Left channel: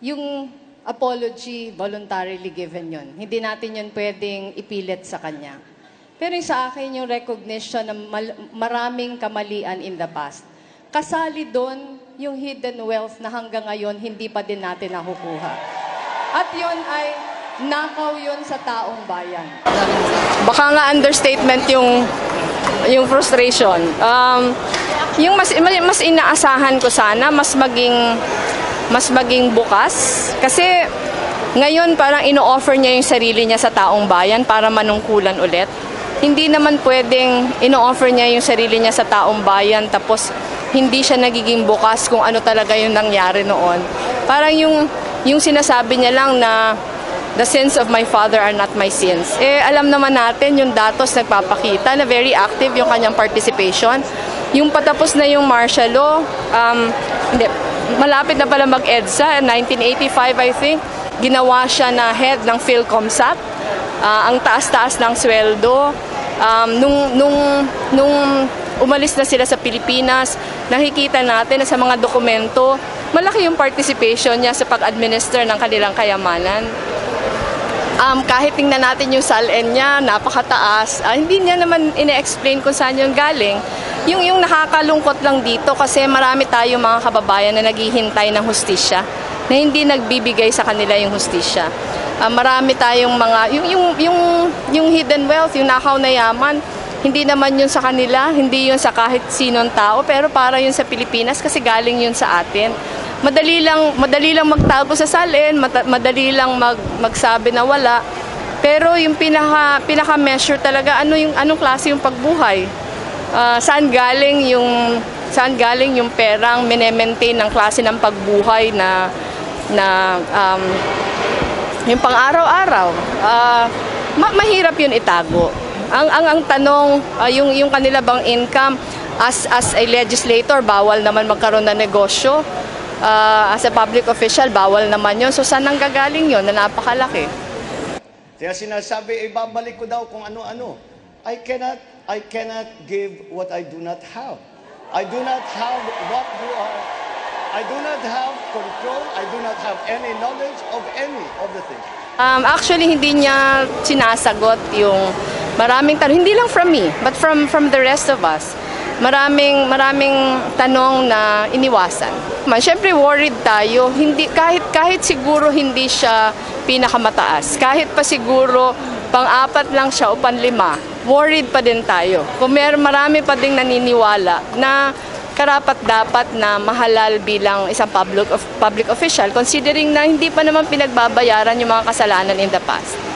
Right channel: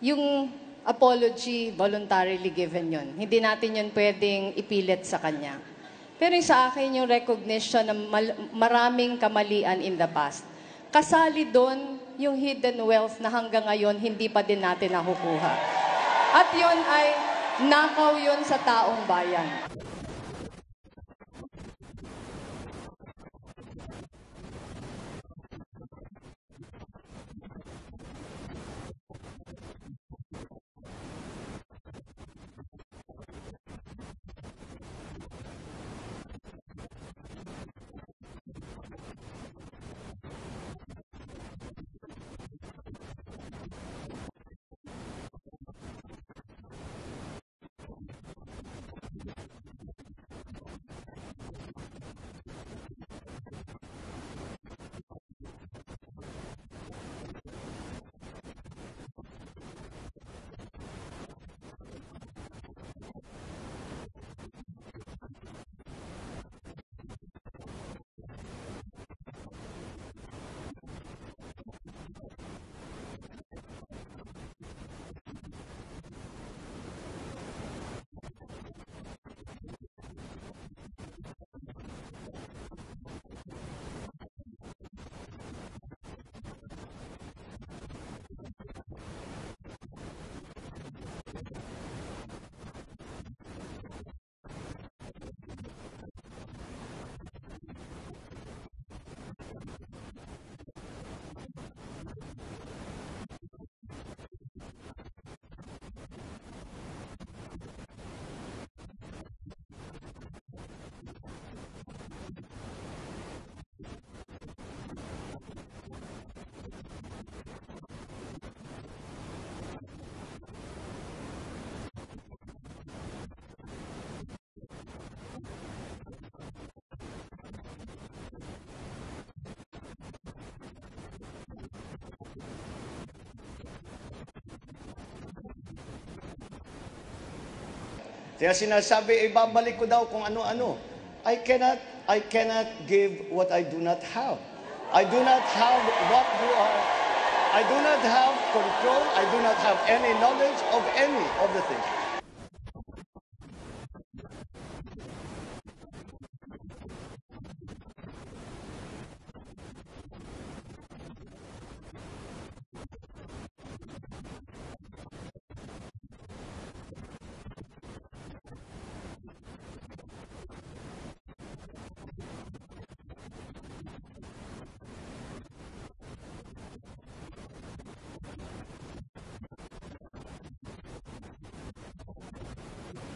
yung apology, voluntarily given yun. Hindi natin yun pwedeng ipilit sa kanya. Pero yung sa akin, yung recognition ng maraming kamalian in the past. Kasali doon yung hidden wealth na hanggang ngayon hindi pa din natin nakukuha. At yun ay nakaw yun sa taong bayan. Baka nga understatement yung frustration. Yung mas inaasahan ko sana, mas maging bukas. Kasi ngayon parang ino-offer niya yung sarili niya sa taong bayan para manungkulan ulit. Hindi naman pwedeng ino-offer niya yung sarili niya sa taong bayan tapos hindi siya nagiging bukas kung ano talaga yung nangyari noon. Parang yung sinasabi niya lang na the sins of my father are not my sins. Alam naman natin yung datos nagpapakita na very active yung kanyang participation. Yung patapos na yung martial law, malapit na pala mag-EDSA, 1985 I think, ginawa siya na head ng PhilComSat. Ang taas-taas ng sweldo. Nung umalis na sila sa Pilipinas, nakikita natin na sa mga dokumento, malaki yung participation niya sa pag-administer ng kanilang kayamanan. Kahit tingnan natin yung SALN niya, napakataas. Hindi niya naman ine-explain kung saan yung galing. Yung nakakalungkot lang dito kasi marami tayong mga kababayan na naghihintay ng hustisya, na hindi nagbibigay sa kanila yung hustisya. Marami tayong mga, yung hidden wealth, yung nakaw na yaman, hindi naman yun sa kanila, hindi yun sa kahit sinong tao, pero para yun sa Pilipinas kasi galing yun sa atin. Madali lang magtago sa SALN, madali lang magsabi na wala. Pero yung pinaka-measure talaga, anong klase yung pagbuhay? Saan galing yung perang mine-maintain ng klase ng pagbuhay na yung pang-araw-araw. Mahirap yun itago. Ang tanong, yung kanila bang income, as a legislator, bawal naman magkaroon ng negosyo. As a public official, bawal naman yun. So saan ang gagaling yun na napakalaki? Kaya sinasabi, ibabalik ko daw kung ano-ano. I cannot give what I do not have. I do not have what you are. I do not have control. I do not have any knowledge of any of the things. Actually, hindi niya sinasagot yung maraming tanong. Hindi lang from me, but from the rest of us. Maraming tanong na iniwasan. Siyempre worried tayo. Kahit siguro hindi siya pinakamataas. Kahit pa siguro pang-4 lang siya o pang-5, worried pa din tayo. Kung marami pa ding naniniwala na karapat-dapat na mahalal bilang isang public official, considering na hindi pa naman pinagbabayaran yung mga kasalanan in the past.